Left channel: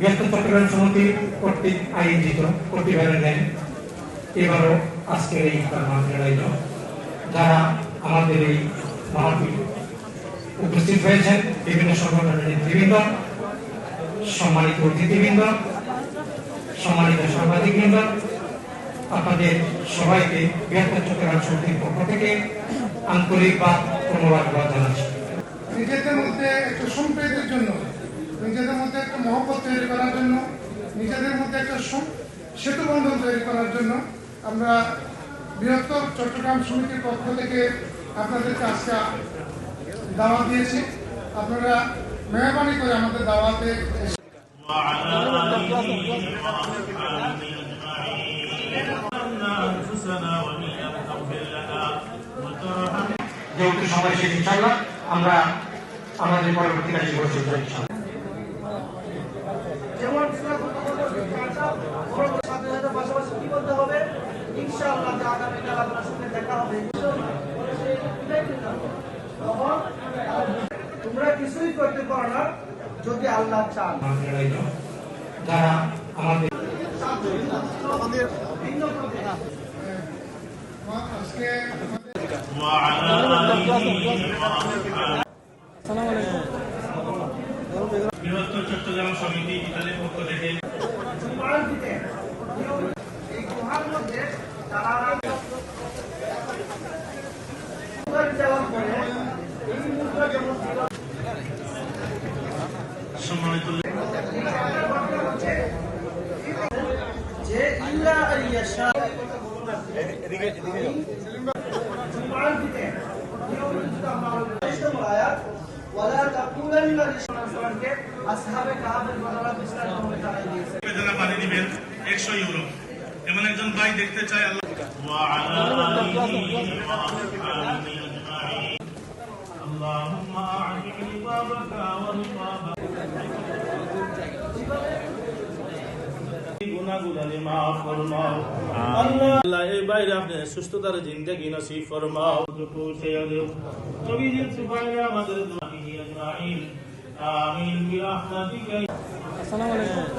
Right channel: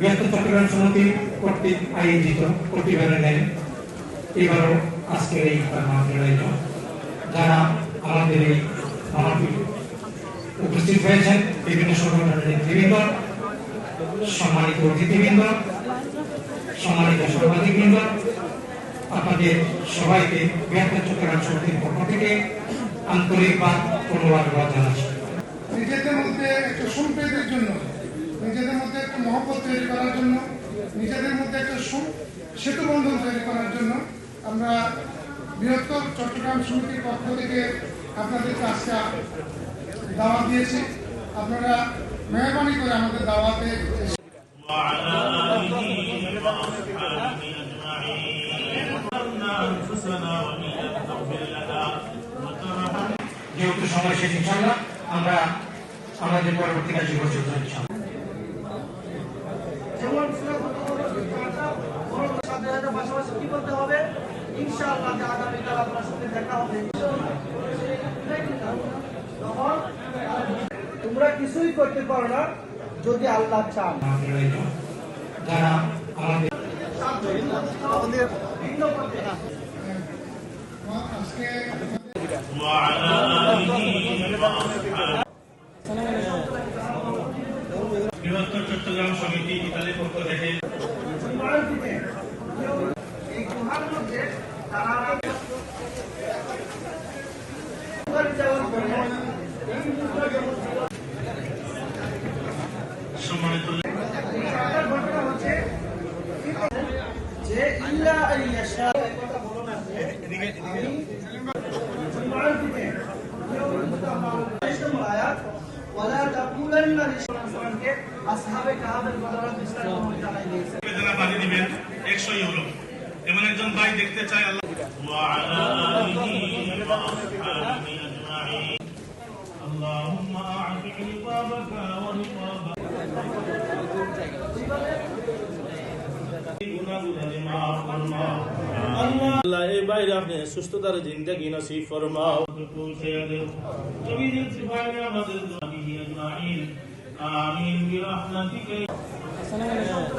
বৃহত্তর চট্টগ্রাম সমিতি কর্তৃক আয়োজিত প্রতিবারের ন্যায় এবারও আজকের এই মাহফিল আয়োজন, যারা আমাদের এই মাহফিল উপস্থিত হয়েছেন বিভিন্ন সংগঠনের নেতৃবৃন্দ, সম্মানিত অতিথিবৃন্দ, সম্মানিত সাংবাদিকবৃন্দ, আপনাদের সবাইকে বৃহত্তর চট্টগ্রাম সমিতির পক্ষ থেকে আন্তরিক ধন্যবাদ জানাচ্ছি। নিজেদের মধ্যে একটা সম্প্রীতির জন্য, নিজেদের মধ্যে একটা মহব্বত তৈরি করার জন্য, নিজেদের মধ্যে একটা সেতু বন্ধন তৈরি করার জন্য আমরা বৃহত্তর চট্টগ্রাম সমিতির পক্ষ থেকে আপনাদেরকে আজকে দাওয়াত দিয়েছি। আপনারা মেহরবানি করে আমাদের দাওয়াতে যেহেতু সময় শেষ, ইনশাআল্লাহ আমরা আমাদের পরবর্তী কাজে প্রস্তুত হচ্ছি। যেমন পাশাপাশি কি করতে হবে, ইনশাআল্লাহ আগামীকাল আপনার সঙ্গে দেখা হবে। তোমরা কিছুই করতে পারো না যদি আল্লাহ চান। যারা আমাদের আজকে বৃহত্তর চট্টগ্রাম সমিতি ইত্যাদি পক্ষ থেকে এই গুহার মধ্যে যাওয়ার পরে এই মুদ্রা যেমন ঘটনা হচ্ছে যে ইল্লা আইয়াশা জুমার দিনে নিয়মিত আয়াত ওয়ালা তাকুলান্না লিসানকে আসহাবে কাহাবের ঘটনা বিস্তারিত জানাই দিয়েছে। যারা পানি দিবেন 100 ইউরো। এমন একজন ভাই দেখতে চাই আল্লাহ আল্লাহুম্মা আ'তিক রিবাবাকা ওয়া রিবাবা আল্লাহ এই বাইরে আপনি সুস্থতার জিন্দেগি নসিব ফরমাও। পৌঁছে গেল বাইরে আমাদের আমিন বিরহমাতিকা। আসসালামু আলাইকুম।